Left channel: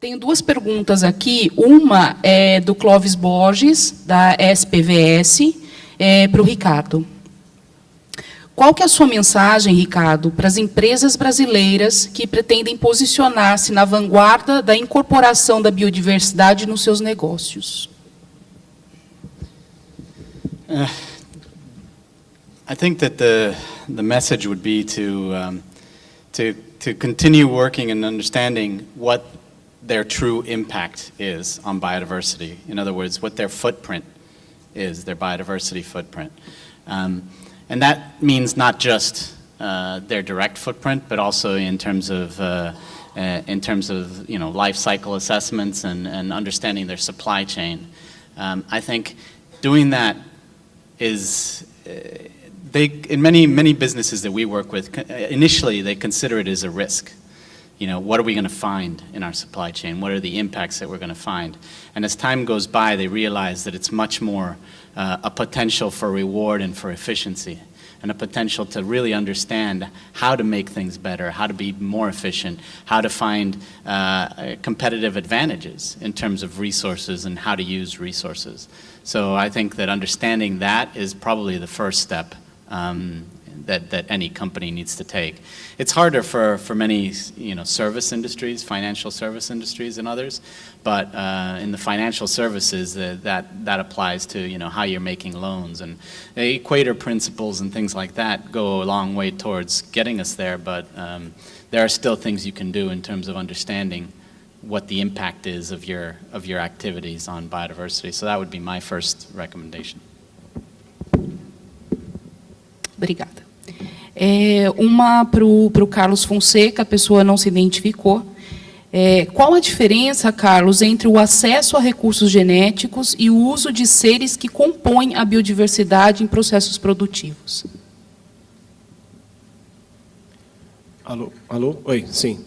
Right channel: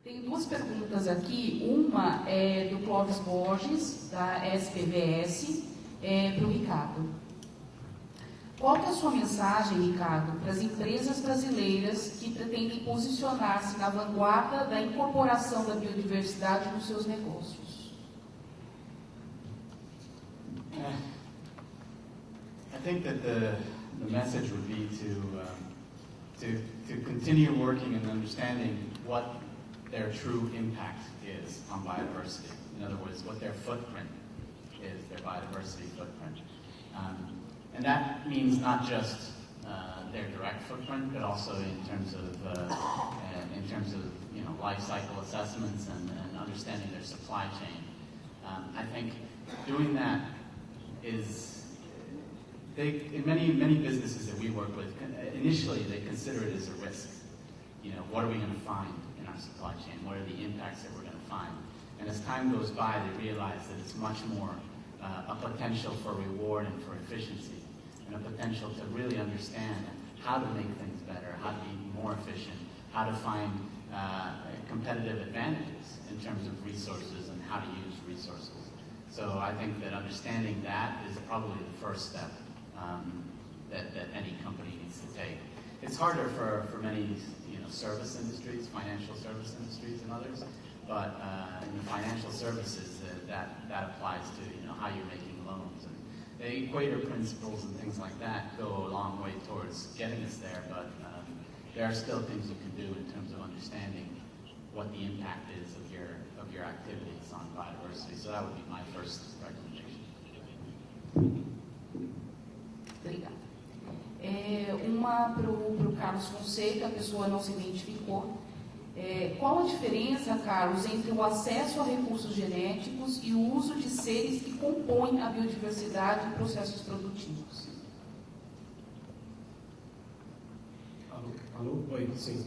Tenho duas perguntas aqui. Uma é do Clóvis Borges, da SPVS, para o Ricardo. Qual que é a sua mensagem, Ricardo, para as empresas brasileiras que pretendem posicionar-se na vanguarda da incorporação da biodiversidade nos seus negócios? I think that the message would be to continue working and understanding what their true impact is on biodiversity. In other words, what their footprint is, their biodiversity footprint. And that means not just their direct footprint, but also in terms of life cycle assessments and understanding their supply chain. I think doing that is, in many businesses that we work with, initially they consider it as a risk. You know, what are we going to find in our supply chain? What are the impacts that we're going to find? And as time goes by, they realize that it's much more a potential for reward and for efficiency, and a potential to really understand how to make things better, how to be more efficient, how to find competitive advantages in terms of resources and how to use resources. So I think that understanding that is probably the first step that any company needs to take. It's harder for many service industries, financial service industries and others, but in the financial services that applies to how you're making loans, and the Equator principles and things like that go a long way towards getting us there, but there are still things you can do in terms of understanding what the impact is of your activities on biodiversity. So that would be my first recommendation. Obrigada. Uma para o Carlos Fonseca, a pessoa não se identificou. Qual a diferença, Carlos, entre o acesso a recursos genéticos e o uso de seres que compõem a biodiversidade em processos produtivos? Alô? Alô? Oi, sim.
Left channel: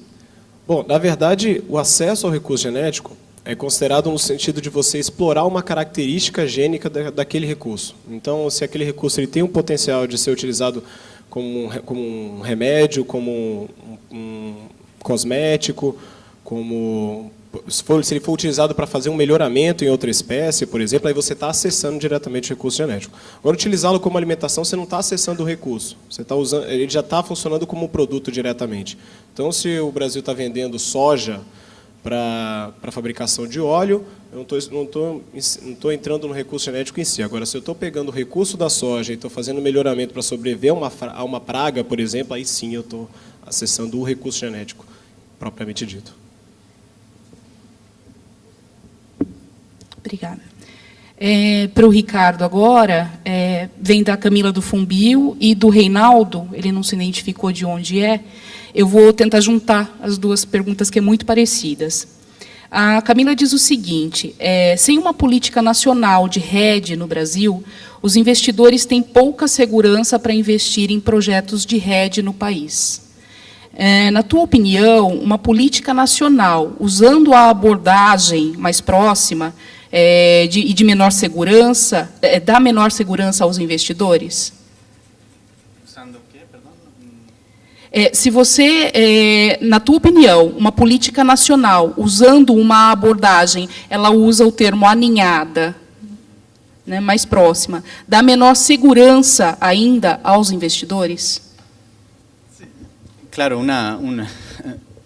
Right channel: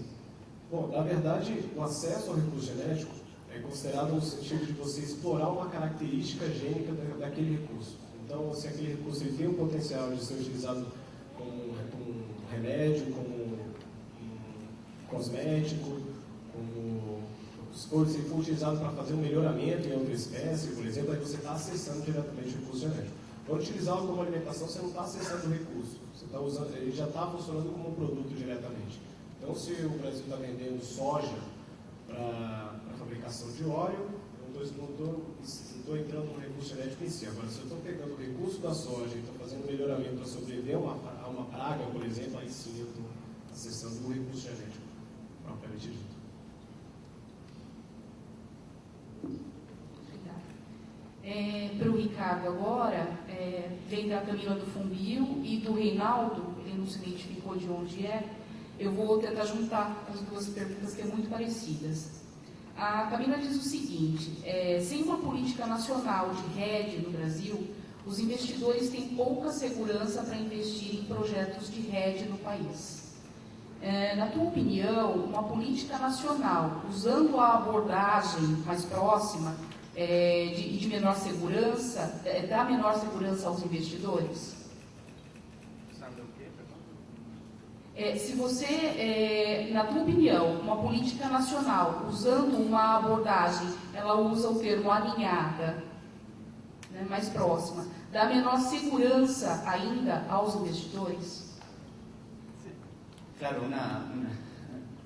Bom, na verdade, o acesso ao recurso genético é considerado no sentido de você explorar uma característica gênica daquele recurso. Então, se aquele recurso ele tem um potencial de ser utilizado como um remédio, como um cosmético, se ele for utilizado para fazer um melhoramento em outra espécie, por exemplo, aí você está acessando diretamente o recurso genético. Agora, utilizá-lo como alimentação, você não está acessando o recurso. Ele já está funcionando como um produto diretamente. Então, se o Brasil está vendendo soja para fabricação de óleo, eu não estou entrando no recurso genético em si. Agora, se eu estou pegando o recurso da soja e estou fazendo melhoramento para sobreviver a uma praga, por exemplo, aí sim eu estou acessando o recurso genético, propriamente dito. Obrigada. Para o Ricardo agora, vem da Camila do Fumbio e do Reinaldo, ele não se identificou de onde é. Eu vou tentar juntar as duas perguntas, que é muito parecidas. A Camila diz o seguinte: sem uma política nacional de rede no Brasil, os investidores têm pouca segurança para investir em projetos de rede no país. Na tua opinião, uma política nacional, usando a abordagem mais próxima e de menor segurança, dá menor segurança aos investidores? Se você, na tua opinião, uma política nacional, usando uma abordagem, ela usa o termo aninhada, né, mais próxima, dá menor segurança ainda aos investidores? Claro,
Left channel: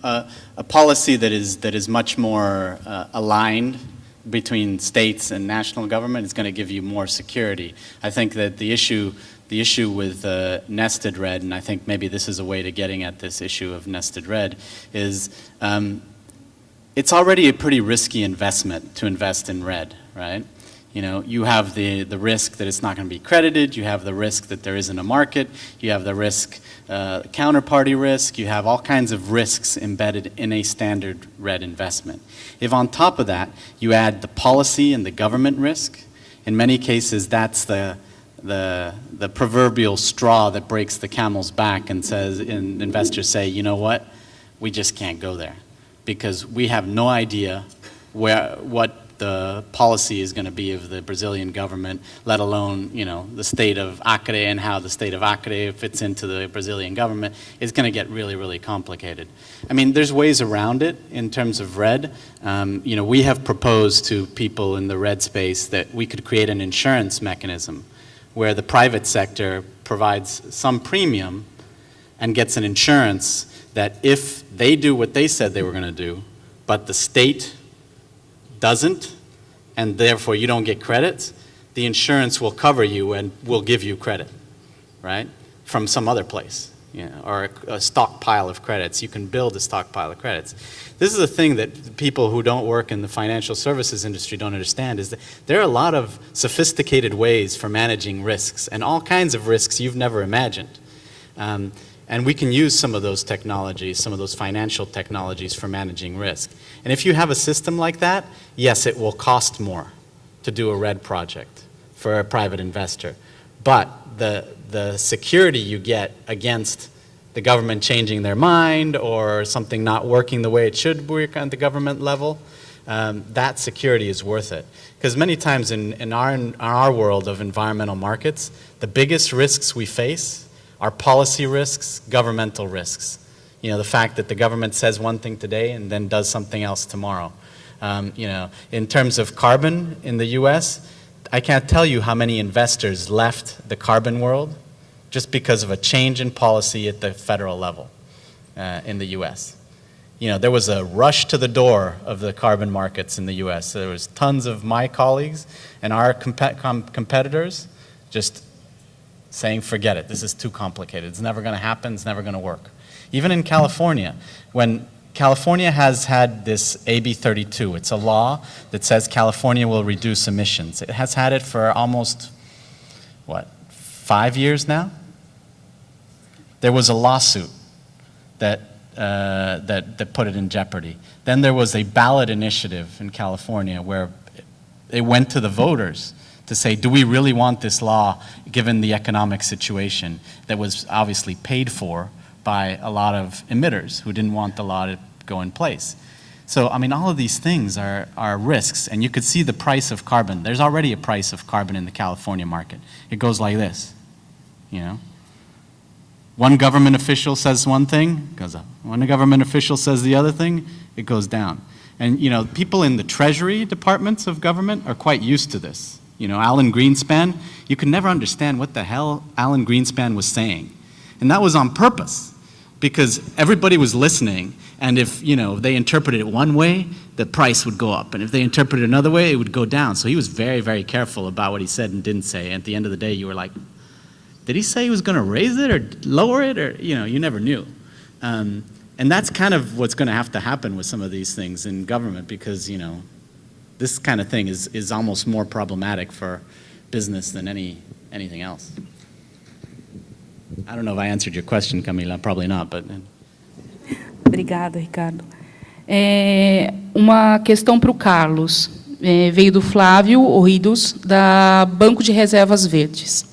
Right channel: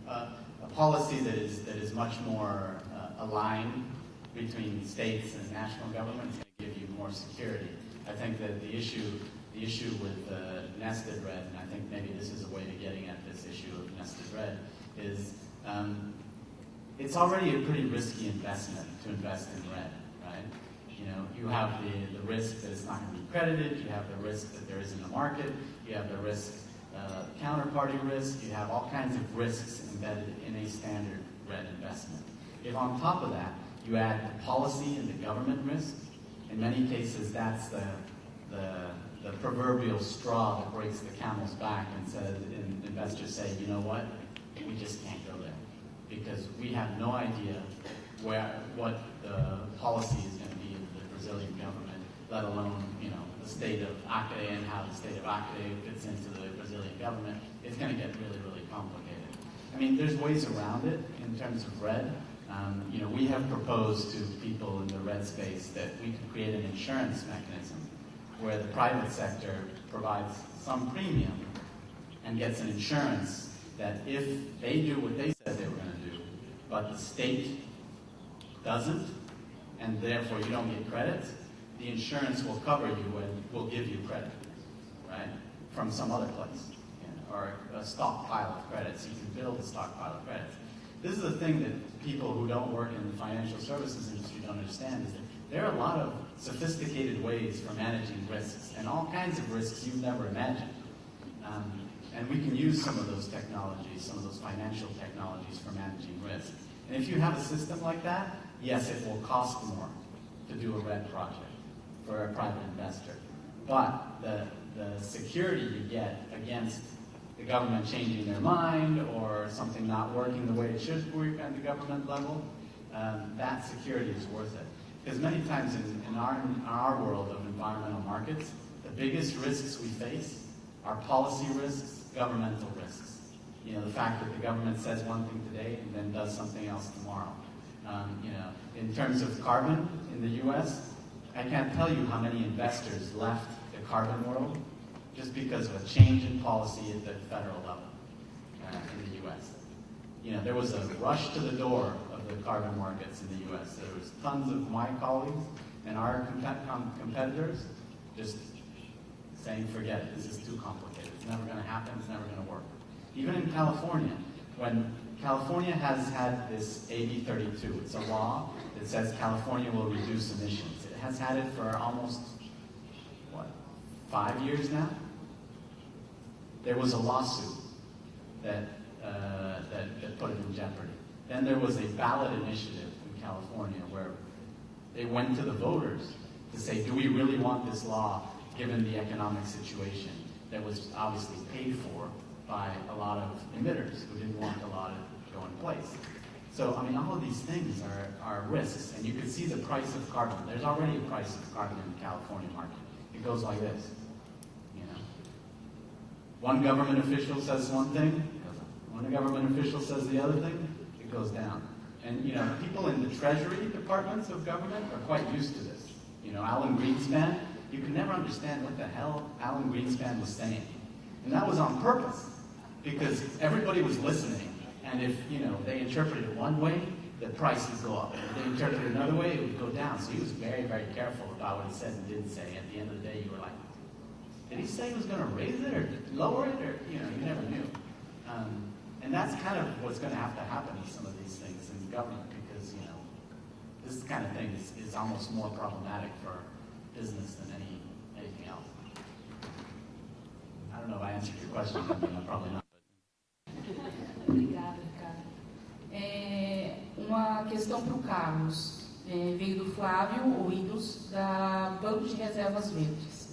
a policy that is much more aligned between states and national government is going to give you more security. I think that the issue with nested red, and I think maybe this is a way to getting at this issue of nested red, is it's already a pretty risky investment to invest in red, right? You have the risk that it's not going to be credited, you have the risk that there isn't a market, you have the risk, counterparty risk, you have all kinds of risks embedded in a standard red investment. If on top of that, you add the policy and the government risk, in many cases that's the proverbial straw that breaks the camel's back and investors say, you know what, we just can't go there because we have no idea what the policy is going to be of the Brazilian government, let alone, you know, the state of Acre and how the state of Acre fits into the Brazilian government, is going to get really, really complicated. I mean, there's ways around it in terms of RED. You know, we have proposed to people in the RED space that we could create an insurance mechanism where the private sector provides some premium and gets an insurance that if they do what they said they were going to do, but the state doesn't, and therefore you don't get credit, the insurance will cover you and will give you credit, right, from some other place, you know, or a stockpile of credits. You can build a stockpile of credits. This is a thing that people who don't work in the financial services industry don't understand, is that there are a lot of sophisticated ways for managing risks, and all kinds of risks you've never imagined. And we can use some of those technologies, some of those financial technologies for managing risk. And if you have a system like that, yes, it will cost more to do a RED project for a private investor. But the security you get against the government changing their mind or something not working the way it should work on the government level, that security is worth it. Because many times in our world of environmental markets, the biggest risks we face are policy risks, governmental risks. You know, the fact that the government says one thing today and then does something else tomorrow. You know, in terms of carbon in the US, I can't tell you how many investors left the carbon world just because of a change in policy at the federal level in the US. You know, there was a rush to the door of the carbon markets in the US. There was tons of my colleagues and our competitors just saying, forget it, this is too complicated. It's never going to happen, it's never going to work. Even in California, when California has had this AB 32, it's a law that says California will reduce emissions. It has had it for almost, what, 5 years now? There was a lawsuit that put it in jeopardy. Then there was a ballot initiative in California where it went to the voters to say, do we really want this law given the economic situation that was obviously paid for by a lot of emitters who didn't want the law to go in place. So, I mean, all of these things are risks, and you could see the price of carbon. There's already a price of carbon in the California market. It goes like this, you know. One government official says one thing, it goes up. One government official says the other thing, it goes down. And, you know, people in the Treasury departments of government are quite used to this. You know, Alan Greenspan, you could never understand what the hell Alan Greenspan was saying. And that was on purpose, because everybody was listening, and if, you know, they interpreted it one way, the price would go up. And if they interpreted it another way, it would go down. So he was very, very careful about what he said and didn't say. And at the end of the day, you were like, did he say he was going to raise it or lower it? Or, you know, you never knew. And that's kind of what's going to have to happen with some of these things in government, because, you know, this kind of thing is almost more problematic for business than anything else. I don't know if I answered your question, Camila. Probably not, but... Obrigada, Ricardo. Uma questão para o Carlos. Veio do Flávio Orridos, da Banco de Reservas Verdes.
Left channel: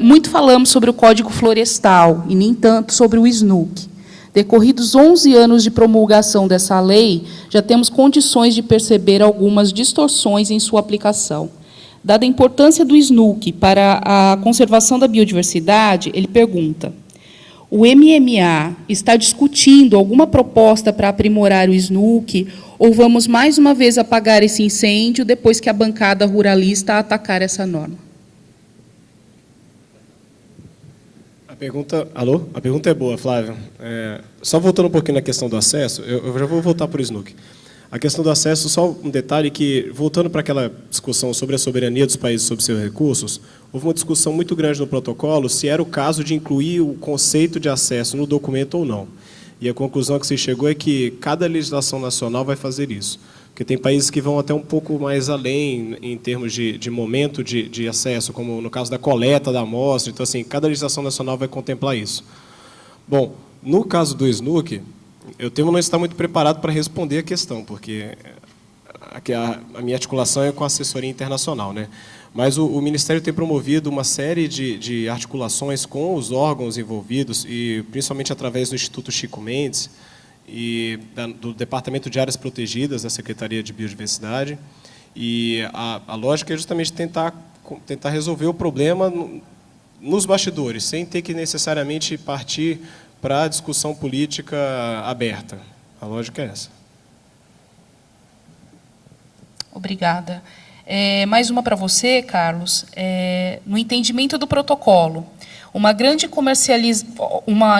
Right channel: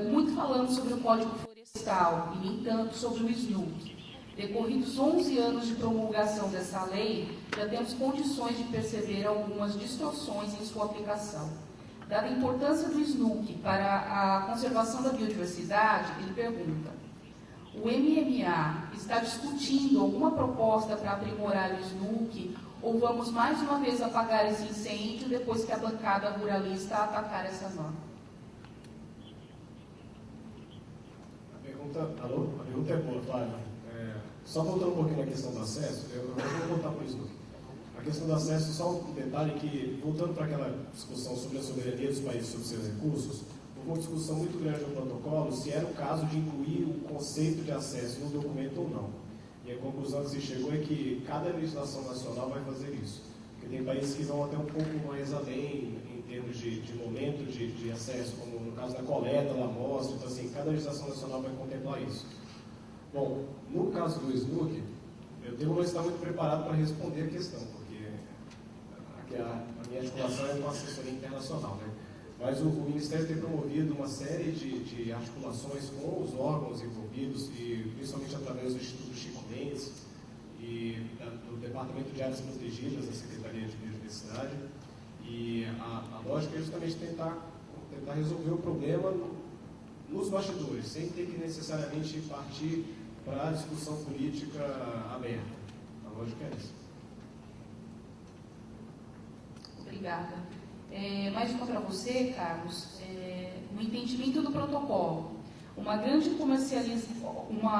Muito falamos sobre o Código Florestal, e nem tanto sobre o SNUC. Decorridos 11 anos de promulgação dessa lei, já temos condições de perceber algumas distorções em sua aplicação. Dada a importância do SNUC para a conservação da biodiversidade, ele pergunta: o MMA está discutindo alguma proposta para aprimorar o SNUC, ou vamos mais uma vez apagar esse incêndio depois que a bancada ruralista atacar essa norma? A pergunta é boa, Flávio. Só voltando um pouquinho na questão do acesso, eu já vou voltar para o SNUC. A questão do acesso, só um detalhe que, voltando para aquela discussão sobre a soberania dos países sobre seus recursos, houve uma discussão muito grande no protocolo se era o caso de incluir o conceito de acesso no documento ou não. E a conclusão que se chegou é que cada legislação nacional vai fazer isso. Porque tem países que vão até um pouco mais além em termos de momento de acesso, como no caso da coleta da amostra. Então, assim, cada legislação nacional vai contemplar isso. Bom, no caso do SNUC, eu temo não estar muito preparado para responder a questão, porque a minha articulação é com a assessoria internacional, né? Mas o Ministério tem promovido uma série de articulações com os órgãos envolvidos, e principalmente através do Instituto Chico Mendes, do Departamento de Áreas Protegidas da Secretaria de Biodiversidade. E a lógica é justamente tentar resolver o problema nos bastidores, sem ter que necessariamente partir para a discussão política aberta. A lógica é essa. Obrigada. Mais uma para você, Carlos. No entendimento do protocolo, uma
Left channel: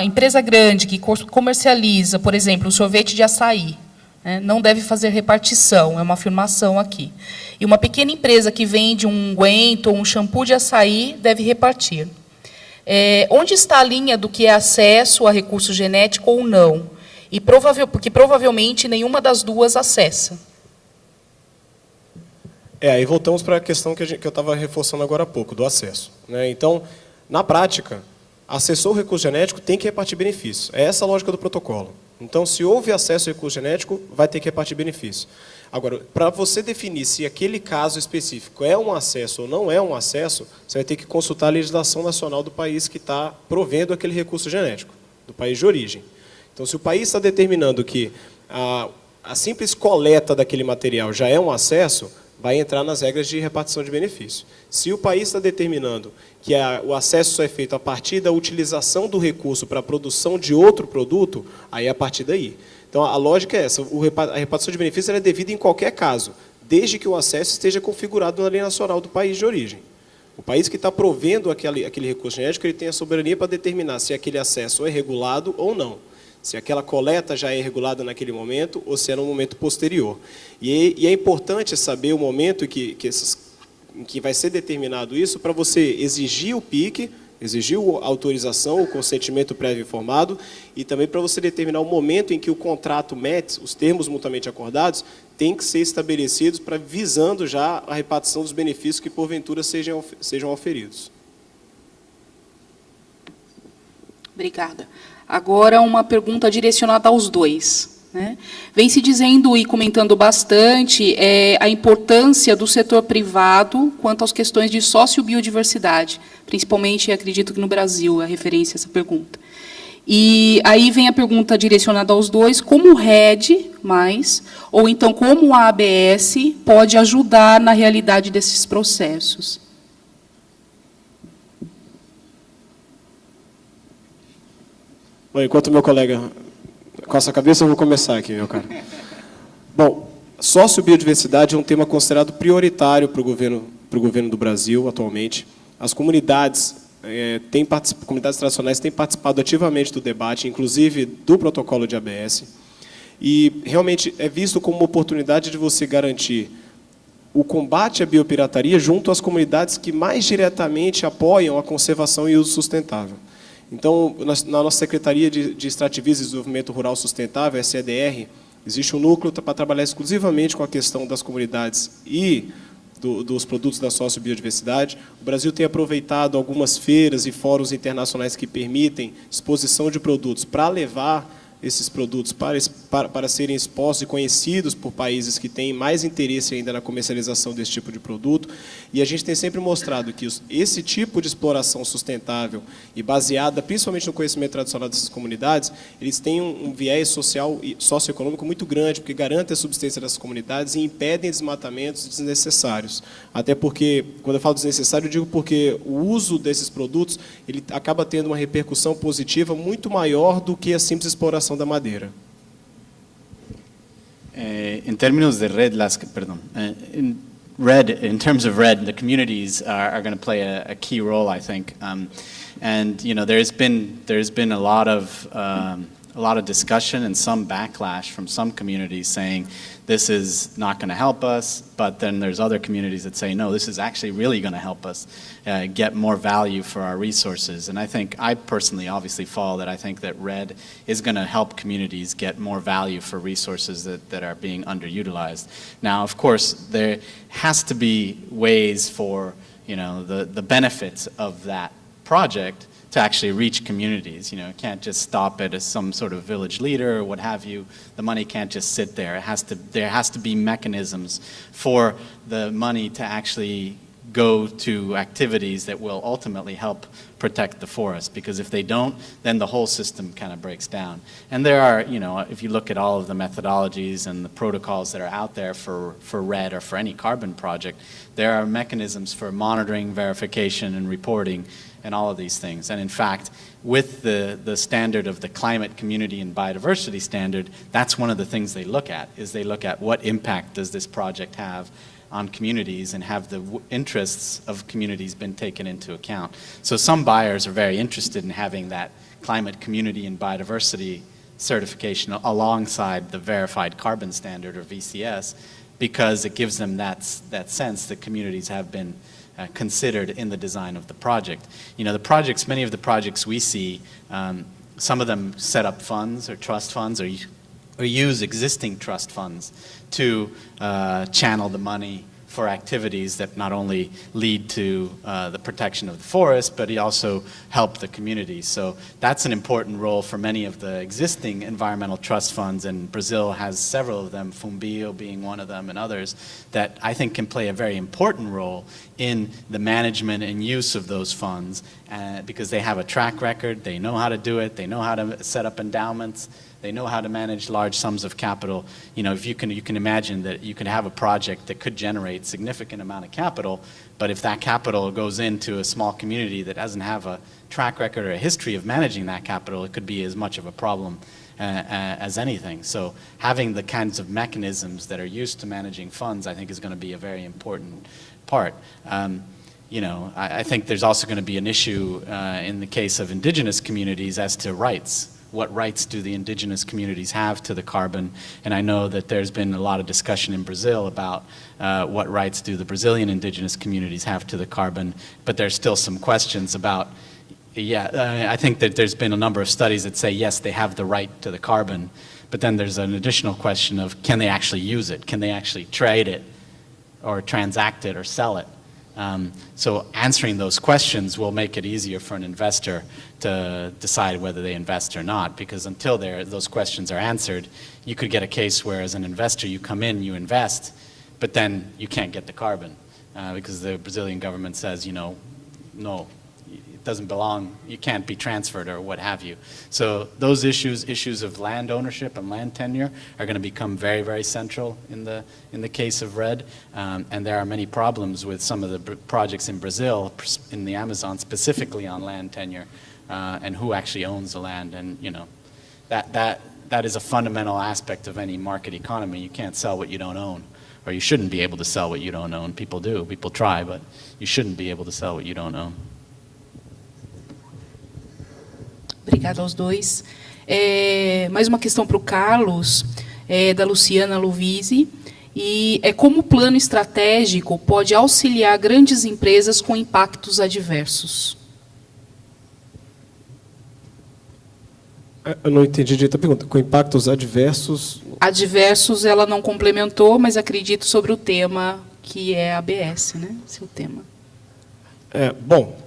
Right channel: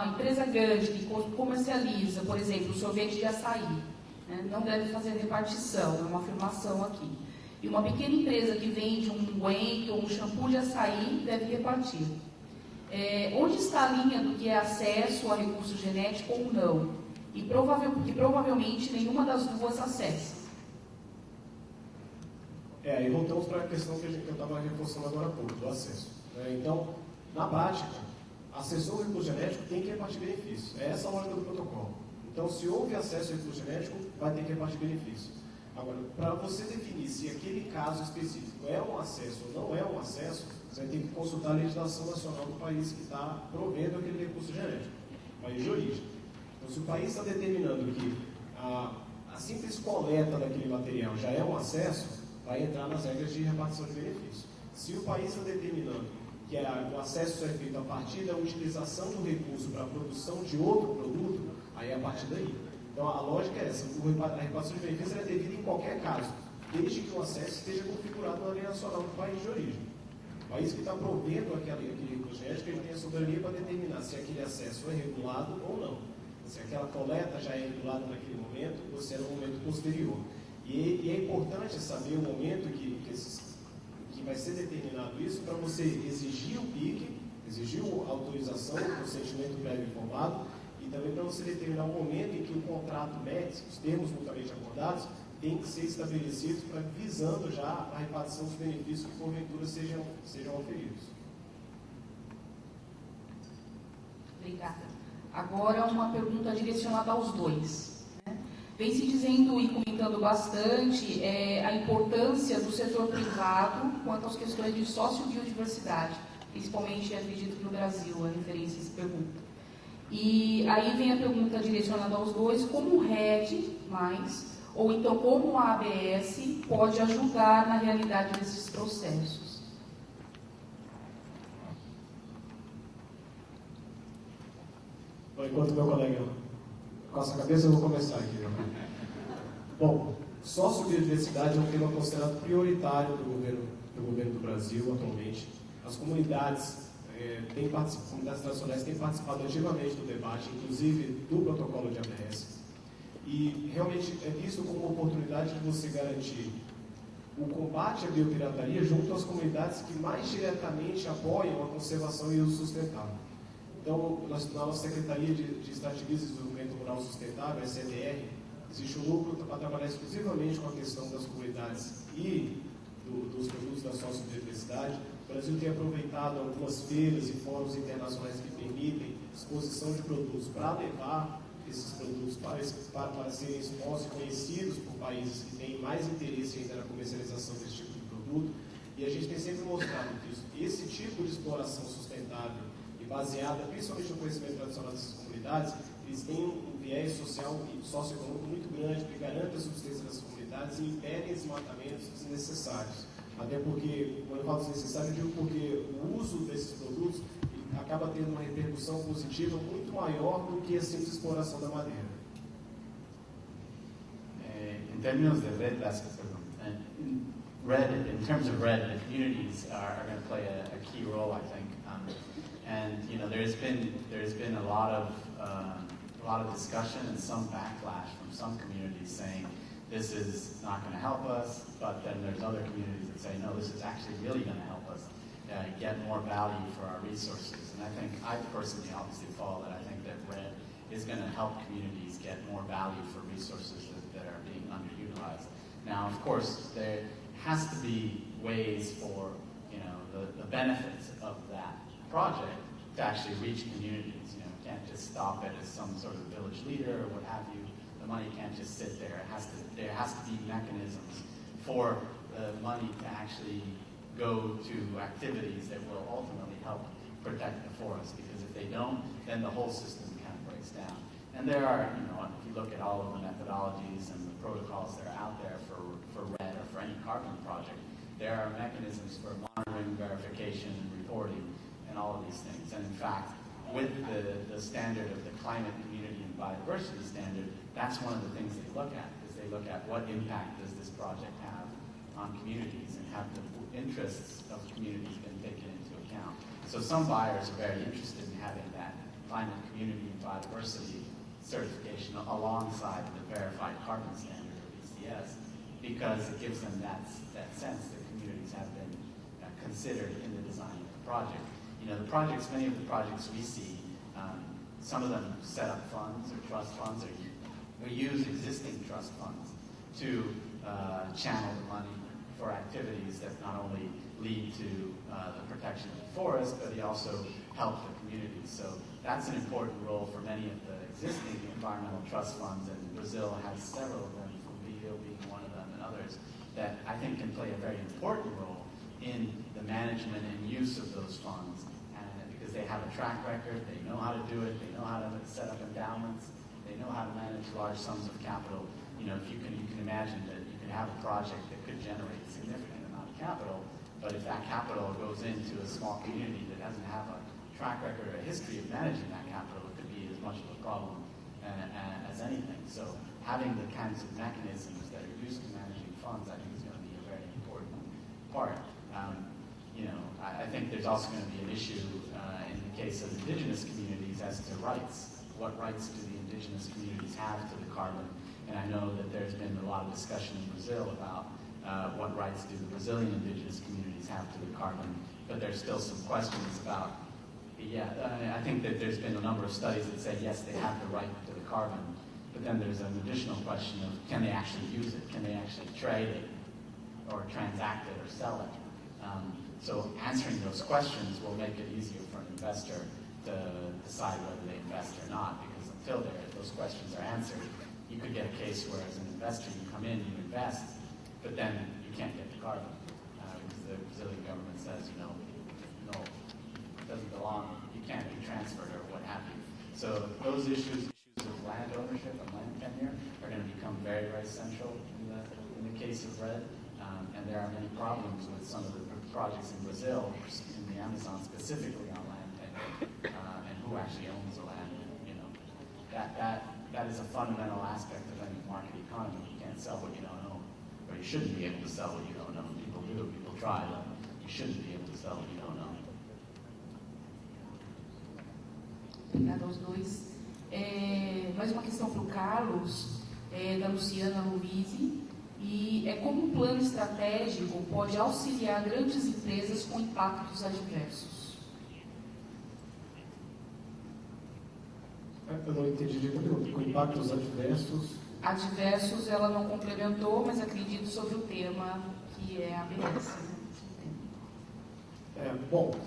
empresa grande que comercializa, por exemplo, o sorvete de açaí, né, não deve fazer repartição, é uma afirmação aqui. E uma pequena empresa que vende um unguento ou um shampoo de açaí deve repartir. Onde está a linha do que é acesso a recurso genético ou não? Porque provavelmente nenhuma das duas acessa. Aí voltamos para a questão que eu estava reforçando agora há pouco, do acesso, né? Então, na prática, acessou o recurso genético, tem que repartir benefício. É essa a lógica do protocolo. Então, se houve acesso ao recurso genético, vai ter que repartir benefício. Agora, para você definir se aquele caso específico é um acesso ou não é um acesso, você vai ter que consultar a legislação nacional do país que está provendo aquele recurso genético, do país de origem. Então, se o país está determinando que a simples coleta daquele material já é um acesso, vai entrar nas regras de repartição de benefício. Se o país está determinando que o acesso só é feito a partir da utilização do recurso para a produção de outro produto, aí é a partir daí. Então, a lógica é essa, a repartição de benefícios é devida em qualquer caso, desde que o acesso esteja configurado na lei nacional do país de origem. O país que está provendo aquele recurso genético, ele tem a soberania para determinar se aquele acesso é regulado ou não. Se aquela coleta já é regulada naquele momento ou se é no momento posterior. E é importante saber o momento em que vai ser determinado isso para você exigir o PIC, exigir a autorização, o consentimento prévio informado e também para você determinar o momento em que o contrato MET, os termos mutuamente acordados, tem que ser estabelecidos visando já a repartição dos benefícios que porventura sejam oferidos. Obrigada. Agora, uma pergunta direcionada aos dois, né? Vem se dizendo e comentando bastante a importância do setor privado quanto às questões de sociobiodiversidade, principalmente, acredito que no Brasil, a referência a essa pergunta. E aí vem a pergunta direcionada aos dois, como o RED+, ou então como a ABS pode ajudar na realidade desses processos? Bom, enquanto o meu colega coça a cabeça, eu vou começar aqui, meu cara. Bom, sociobiodiversidade é um tema considerado prioritário para o governo do Brasil atualmente. As comunidades comunidades tradicionais têm participado ativamente do debate, inclusive do protocolo de ABS, e realmente é visto como uma oportunidade de você garantir o combate à biopirataria junto às comunidades que mais diretamente apoiam a conservação e uso sustentável. Então, na nossa Secretaria de Extrativismo e Desenvolvimento Rural Sustentável, SEDR, existe um núcleo para trabalhar exclusivamente com a questão das comunidades e dos produtos da sociobiodiversidade. O Brasil tem aproveitado algumas feiras e fóruns internacionais que permitem exposição de produtos para levar esses produtos para serem expostos e conhecidos por países que têm mais interesse ainda na comercialização desse tipo de produto. E a gente tem sempre mostrado que esse tipo de exploração sustentável e baseada principalmente no conhecimento tradicional dessas comunidades, eles têm um viés social e socioeconômico muito grande, porque garantem a subsistência dessas comunidades e impedem desmatamentos desnecessários. Até porque, quando eu falo desnecessário, eu digo porque o uso desses produtos ele acaba tendo uma repercussão positiva muito maior do que a simples exploração da madeira. In terms of RED, in terms of RED, the communities are going to play a key role, I think. And you know, there's been a lot of discussion and some backlash from some communities saying this is not going to help us, but then there's other communities that say no, this is actually really going to help us get more value for our resources. And I personally obviously follow that. I think that RED is going to help communities get more value for resources that are being underutilized. Now, of course, there has to be ways for, you know, the benefits of that project to actually reach communities. You know, it can't just stop at some sort of village leader or what have you. The money can't just sit there. There has to be mechanisms for the money to actually go to activities that will ultimately help protect the forest, because if they don't, then the whole system kind of breaks down. And there are, you know, if you look at all of the methodologies and the protocols that are out there for REDD or for any carbon project, there are mechanisms for monitoring, verification, and reporting, and all of these things. And in fact, with the standard of the climate, community, and biodiversity standard, that's one of the things they look at, is they look at what impact does this project have on communities, and have the interests of communities been taken into account. So some buyers are very interested in having that climate, community, and biodiversity certification alongside the verified carbon standard, or VCS, because it gives them that sense that communities have been considered in the design of the project. You know, the projects, many of the projects we see, some of them set up funds or trust funds, or use existing trust funds to channel the money for activities that not only lead to the protection of the forest, but also help the community. So that's an important role for many of the existing environmental trust funds, and Brazil has several of them, Fumbio being one of them, and others, that I think can play a very important role in the management and use of those funds, because they have a track record, they know how to do it, they know how to set up endowments, they know how to manage large sums of capital. You know, if you can imagine that you can have a project that could generate significant amount of capital, but if that capital goes into a small community that doesn't have a track record or a history of managing that capital, it could be as much of a problem as anything. So having the kinds of mechanisms that are used to managing funds, I think, is going to be a very important part. You know, I think there's also going to be an issue in the case of indigenous communities as to rights. What rights do the indigenous communities have to the carbon? And I know that there's been a lot of discussion in Brazil about what rights do the Brazilian indigenous communities have to the carbon, but there's still some questions about, I think that there's been a number of studies that say, yes, they have the right to the carbon, but then there's an additional question of, can they actually use it? Can they actually trade it or transact it or sell it? So answering those questions will make it easier for an investor to decide whether they invest or not, because until those questions are answered, you could get a case where, as an investor, you come in, you invest, but then you can't get the carbon because the Brazilian government says, you know, no, it doesn't belong, you can't be transferred or what have you. So those issues of land ownership and land tenure are going to become very, very central in the case of REDD. And there are many problems with some of the projects in Brazil, in the Amazon, specifically on land tenure and who actually owns the land. And, you know, that is a fundamental aspect of any market economy. You can't sell what you don't own, or you shouldn't be able to sell what you don't own. People do, people try, but you shouldn't be able to sell what you don't own. Obrigada aos dois. Mais uma questão para o Carlos, da Luciana Luvisi, e como o plano estratégico pode auxiliar grandes empresas com impactos adversos? Eu não entendi direito a pergunta. Com impactos adversos? Adversos ela não complementou, mas acredito sobre o tema que é ABS, né? Seu tema. Bom,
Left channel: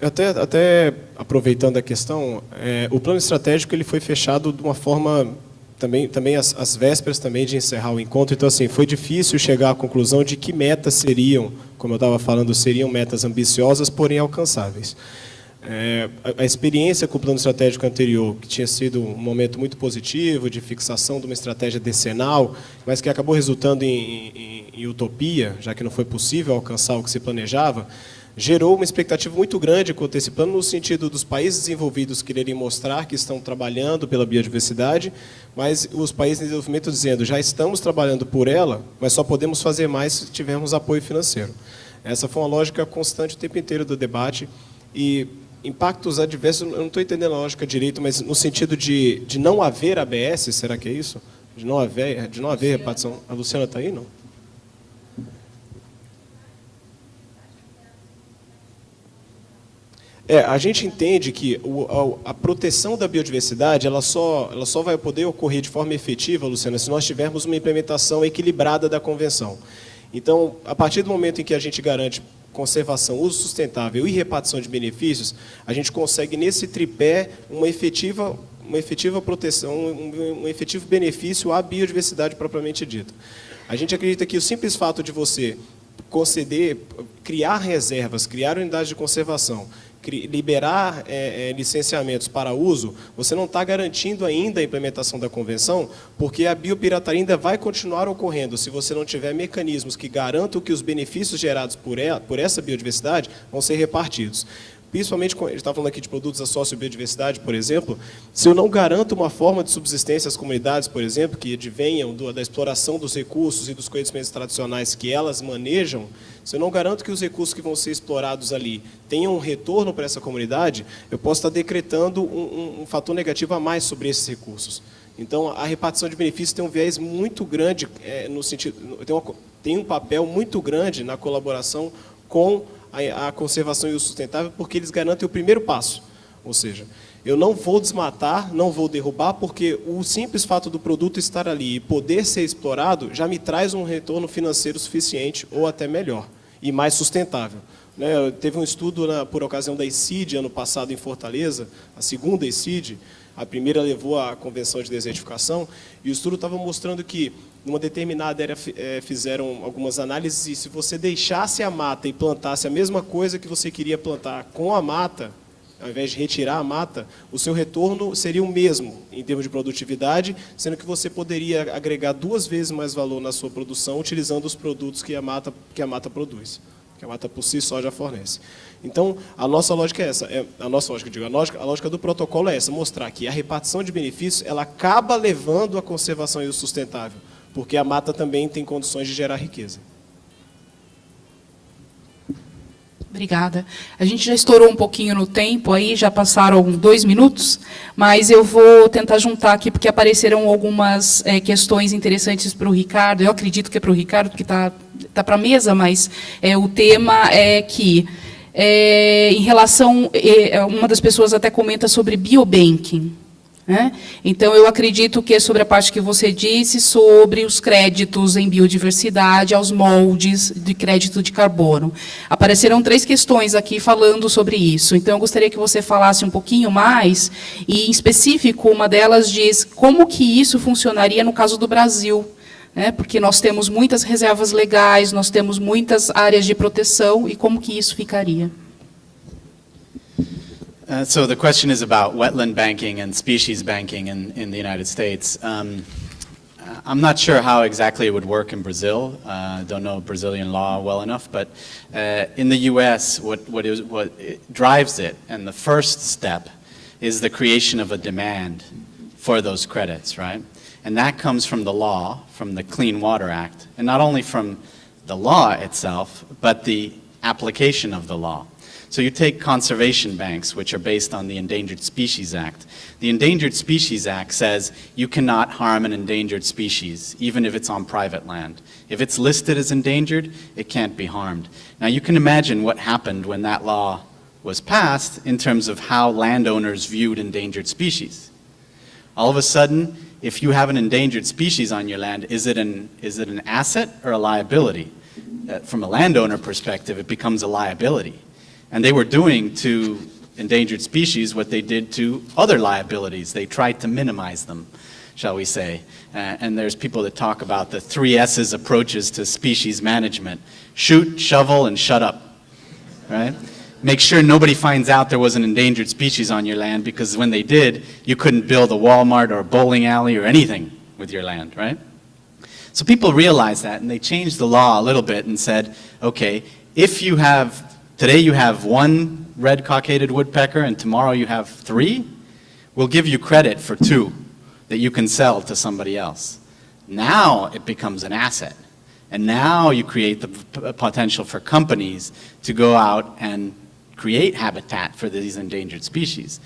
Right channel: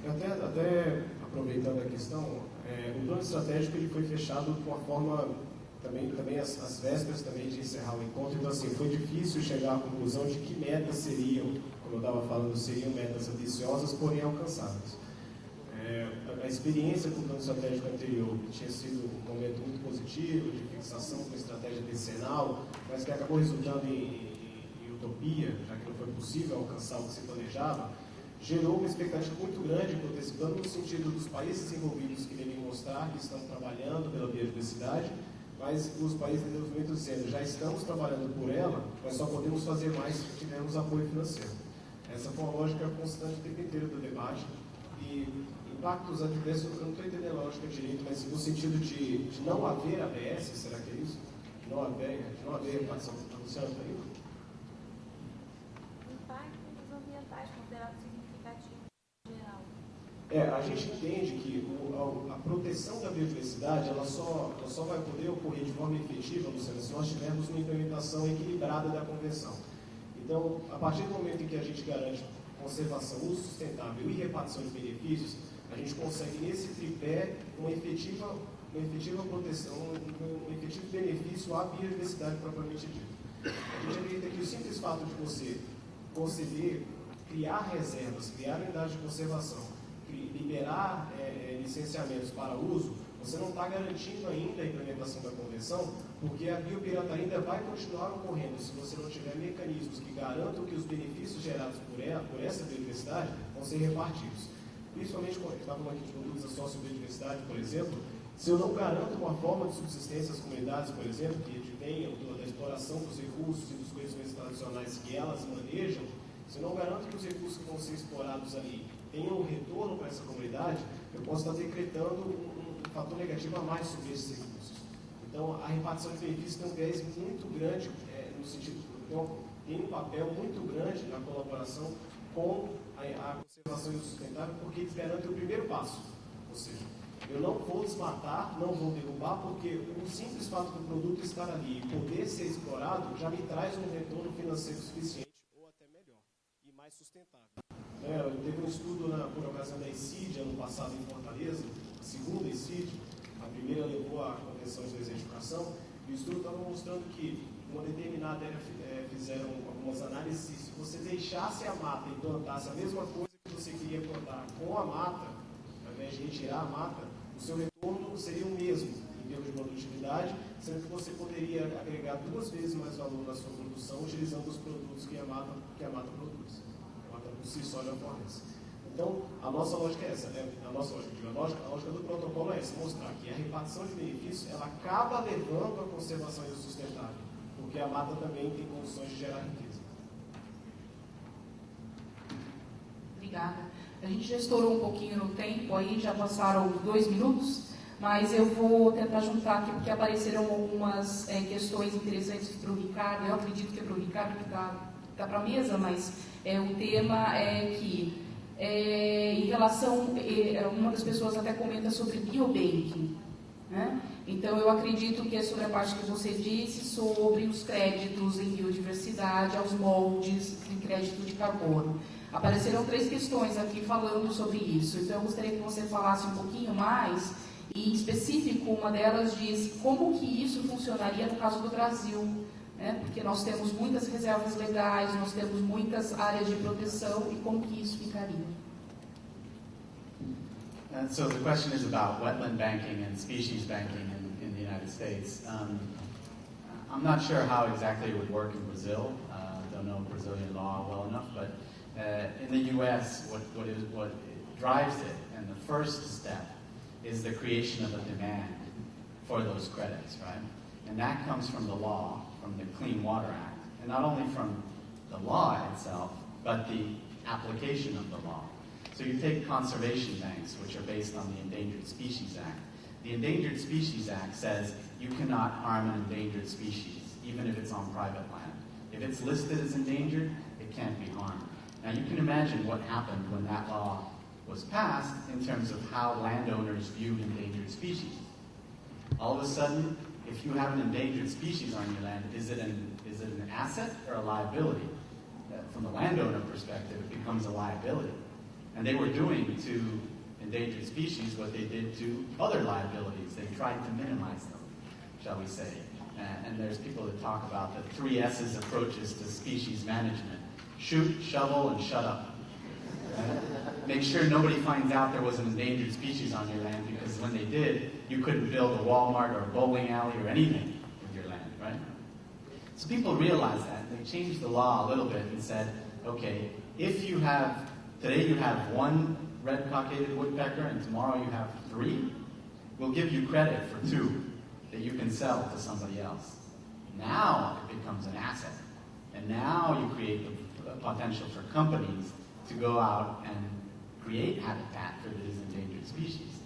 até aproveitando a questão, o plano estratégico ele foi fechado de uma forma também às vésperas também de encerrar o encontro. Então, assim, foi difícil chegar à conclusão de que metas seriam, como eu estava falando, seriam metas ambiciosas, porém alcançáveis. A experiência com o plano estratégico anterior, que tinha sido um momento muito positivo de fixação de uma estratégia decenal, mas que acabou resultando em utopia, já que não foi possível alcançar o que se planejava, gerou uma expectativa muito grande quanto a esse plano, no sentido dos países desenvolvidos quererem mostrar que estão trabalhando pela biodiversidade, mas os países em desenvolvimento dizendo, já estamos trabalhando por ela, mas só podemos fazer mais se tivermos apoio financeiro. Essa foi uma lógica constante o tempo inteiro do debate. E impactos adversos, eu não estou entendendo a lógica direito, mas no sentido de não haver ABS, será que é isso? De não haver repartição. A Luciana está aí, não? A gente entende que a proteção da biodiversidade ela só vai poder ocorrer de forma efetiva, Luciana, se nós tivermos uma implementação equilibrada da Convenção. Então, a partir do momento em que a gente garante conservação, uso sustentável e repartição de benefícios, a gente consegue, nesse tripé, uma efetiva proteção, um efetivo benefício à biodiversidade propriamente dita. A gente acredita que o simples fato de você conceder, criar reservas, criar unidades de conservação, liberar licenciamentos para uso, você não está garantindo ainda a implementação da convenção, porque a biopirataria ainda vai continuar ocorrendo se você não tiver mecanismos que garantam que os benefícios gerados por essa biodiversidade vão ser repartidos. Principalmente, a gente está falando aqui de produtos da sociobiodiversidade, por exemplo, se eu não garanto uma forma de subsistência às comunidades, por exemplo, que advenham da exploração dos recursos e dos conhecimentos tradicionais que elas manejam, se eu não garanto que os recursos que vão ser explorados ali tenham um retorno para essa comunidade, eu posso estar decretando um fator negativo a mais sobre esses recursos. Então, a repartição de benefícios tem um viés muito grande, no sentido, tem um papel muito grande na colaboração com a conservação e o sustentável, porque eles garantem o primeiro passo. Ou seja, eu não vou desmatar, não vou derrubar, porque o simples fato do produto estar ali e poder ser explorado já me traz um retorno financeiro suficiente, ou até melhor, e mais sustentável. Teve um estudo, por ocasião da ECID, ano passado, em Fortaleza, a segunda ECID, a primeira levou à Convenção de Desertificação, e o estudo estava mostrando que, numa determinada área, fizeram algumas análises, e se você deixasse a mata e plantasse a mesma coisa que você queria plantar com a mata, ao invés de retirar a mata, o seu retorno seria o mesmo em termos de produtividade, sendo que você poderia agregar 2 vezes mais valor na sua produção utilizando os produtos que a mata produz, que a mata por si só já fornece. Então, a nossa lógica é essa, a lógica do protocolo é essa, mostrar que a repartição de benefícios ela acaba levando à conservação e o sustentável, porque a mata também tem condições de gerar riqueza. Obrigada. A gente já estourou um pouquinho no tempo, aí já passaram 2 minutos, mas eu vou tentar juntar aqui, porque apareceram algumas questões interessantes para o Ricardo. Eu acredito que é para o Ricardo, porque está para a mesa, mas o tema é que, em relação, uma das pessoas até comenta sobre biobanking. Então, eu acredito que é sobre a parte que você disse, sobre os créditos em biodiversidade, aos moldes de crédito de carbono. Apareceram 3 questões aqui falando sobre isso. Então, eu gostaria que você falasse um pouquinho mais, e, em específico, uma delas diz como que isso funcionaria no caso do Brasil, porque nós temos muitas reservas legais, nós temos muitas áreas de proteção, e como que isso ficaria? So the question is about wetland banking and species banking in the United States. I'm not sure how exactly it would work in Brazil. Don't know Brazilian law well enough, but in the U.S., what drives it, and the first step, is the creation of a demand for those credits, right? And that comes from the law, from the Clean Water Act, and not only from the law itself, but the application of the law. So you take conservation banks, which are based on the Endangered Species Act. The Endangered Species Act says you cannot harm an endangered species, even if it's on private land. If it's listed as endangered, it can't be harmed. Now you can imagine what happened when that law was passed in terms of how landowners viewed endangered species. All of a sudden, if you have an endangered species on your land, is it an asset or a liability? From a landowner perspective, it becomes a liability. And they were doing to endangered species what they did to other liabilities. They tried to minimize them, shall we say. And there's people that talk about the 3 S's approaches to species management. Shoot, shovel, and shut up, right? Make sure nobody finds out there was an endangered species on your land, because when they did, you couldn't build a Walmart or a bowling alley or anything with your land, right? So people realized that, and they changed the law a little bit and said, okay, if you have today you have 1 red-cockaded woodpecker and tomorrow you have 3, we'll give you credit for 2 that you can sell to somebody else. Now it becomes an asset. And now you create the potential for companies to go out and create habitat for these endangered species.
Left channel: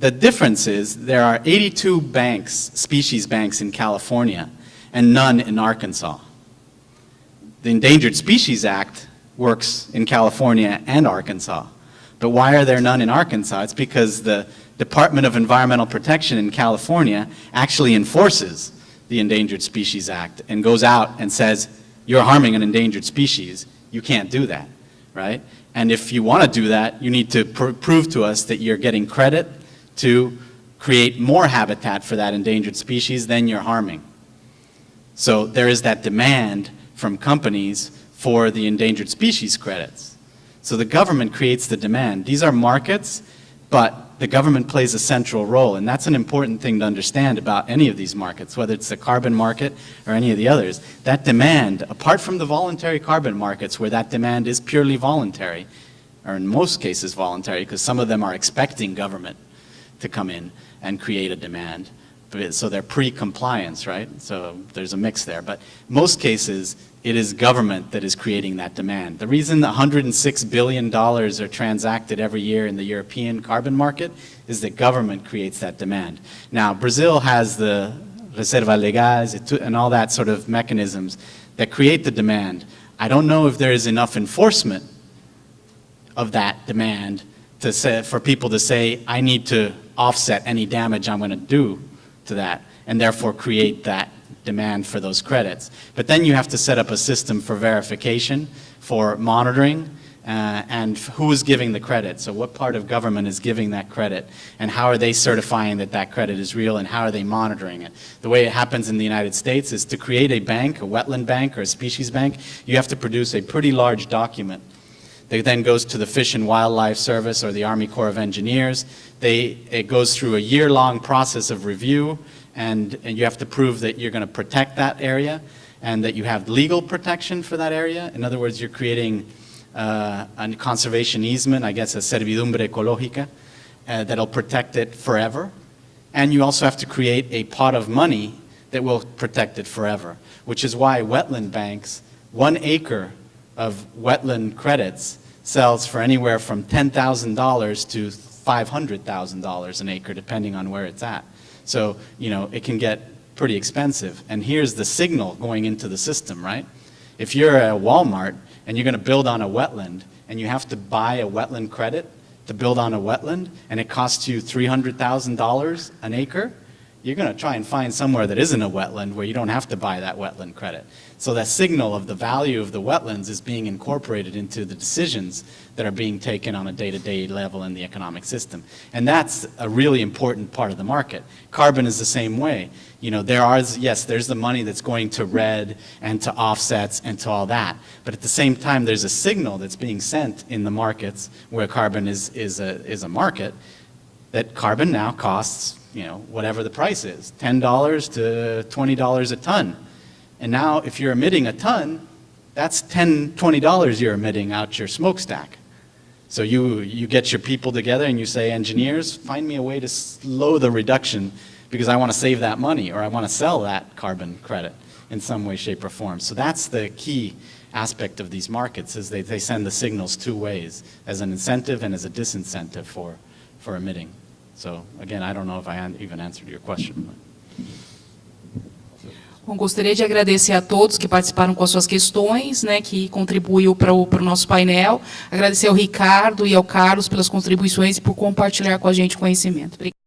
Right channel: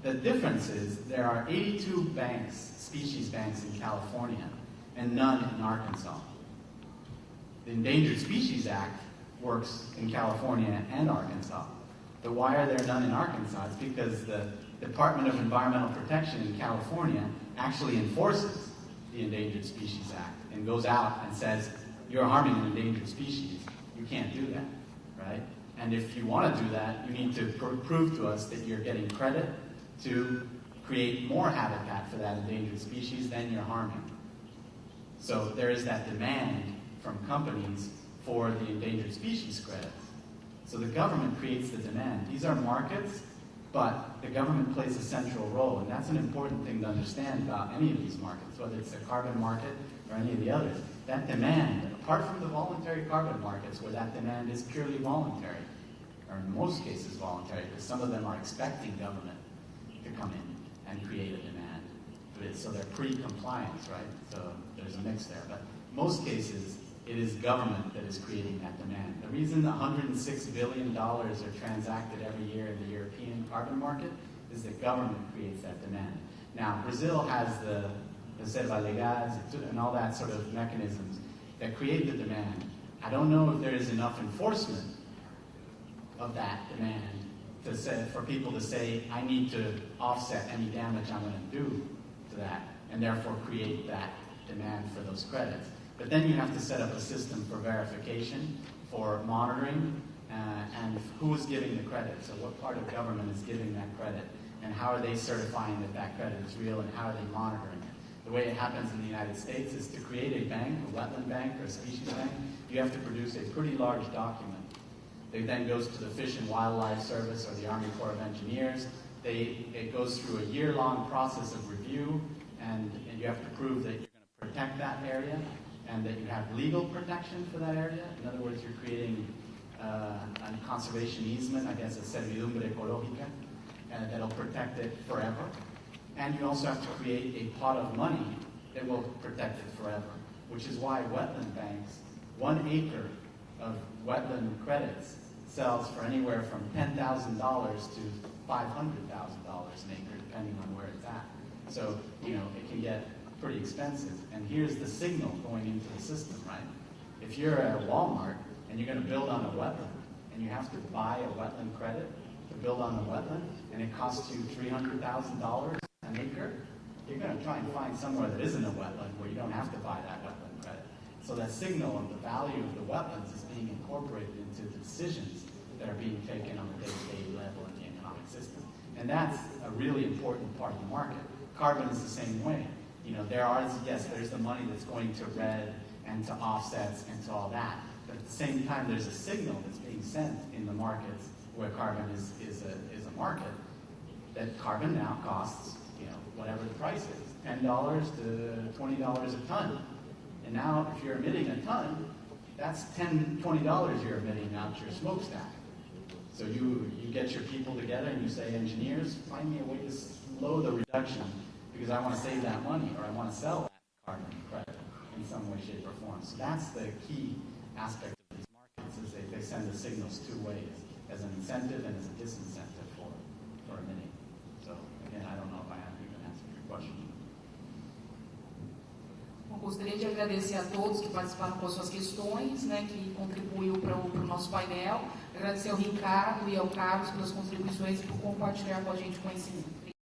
The difference is there are 82 banks, species banks in California, and none in Arkansas. The Endangered Species Act works in California and Arkansas. But why are there none in Arkansas? It's because the Department of Environmental Protection in California actually enforces the Endangered Species Act and goes out and says, you're harming an endangered species, you can't do that, right? And if you want to do that, you need to prove to us that you're getting credit to create more habitat for that endangered species than you're harming. So there is that demand from companies for the endangered species credits. So the government creates the demand. These are markets, but the government plays a central role, and that's an important thing to understand about any of these markets, whether it's the carbon market or any of the others. That demand, apart from the voluntary carbon markets where that demand is purely voluntary, or in most cases voluntary, because some of them are expecting government to come in and create a demand. So they're pre-compliance, right? So there's a mix there. But in most cases, it is government that is creating that demand. The reason $106 billion are transacted every year in the European carbon market is that government creates that demand. Now, Brazil has the Reserva Legais and all that sort of mechanisms that create the demand. I don't know if there is enough enforcement of that demand to say, for people to say, I need to offset any damage I'm going to do to that, and therefore create that demand for those credits. But then you have to set up a system for verification, for monitoring, and who is giving the credit. So what part of government is giving that credit, and how are they certifying that that credit is real, and how are they monitoring it? The way it happens in the United States is to create a bank, a wetland bank or a species bank, you have to produce a pretty large document. It then goes to the Fish and Wildlife Service or the Army Corps of Engineers. It goes through a year-long process of review, and you have to prove that you're going to protect that area and that you have legal protection for that area. In other words, you're creating a conservation easement, I guess a servidumbre ecológica, that'll protect it forever. And you also have to create a pot of money that will protect it forever, which is why wetland banks, 1 acre of wetland credits sells for anywhere from $10,000 to $500,000 an acre, depending on where it's at. So, you know, it can get pretty expensive. And here's the signal going into the system, right? If you're a Walmart and you're going to build on a wetland and you have to buy a wetland credit to build on a wetland and it costs you $300,000 an acre, you're going to try and find somewhere that isn't a wetland where you don't have to buy that wetland credit. So that signal of the value of the wetlands is being incorporated into the decisions that are being taken on a day-to-day level in the economic system. And that's a really important part of the market. Carbon is the same way. You know, there's the money that's going to REDD and to offsets and to all that. But at the same time, there's a signal that's being sent in the markets where carbon is a market, that carbon now costs, you know, whatever the price is, $10 to $20 a ton. And now if you're emitting a ton, that's $10, $20 you're emitting out your smokestack. So you get your people together and you say, engineers, find me a way to slow the reduction because I want to save that money or I want to sell that carbon credit in some way, shape, or form. So that's the key aspect of these markets, is they send the signals 2 ways, as an incentive and as a disincentive for emitting. So again, I don't know if I even answered your question. Bom, gostaria de agradecer a todos que participaram com as suas questões, né, que contribuiu para o nosso painel. Agradecer ao Ricardo e ao Carlos pelas contribuições e por compartilhar com a gente conhecimento. Obrigada.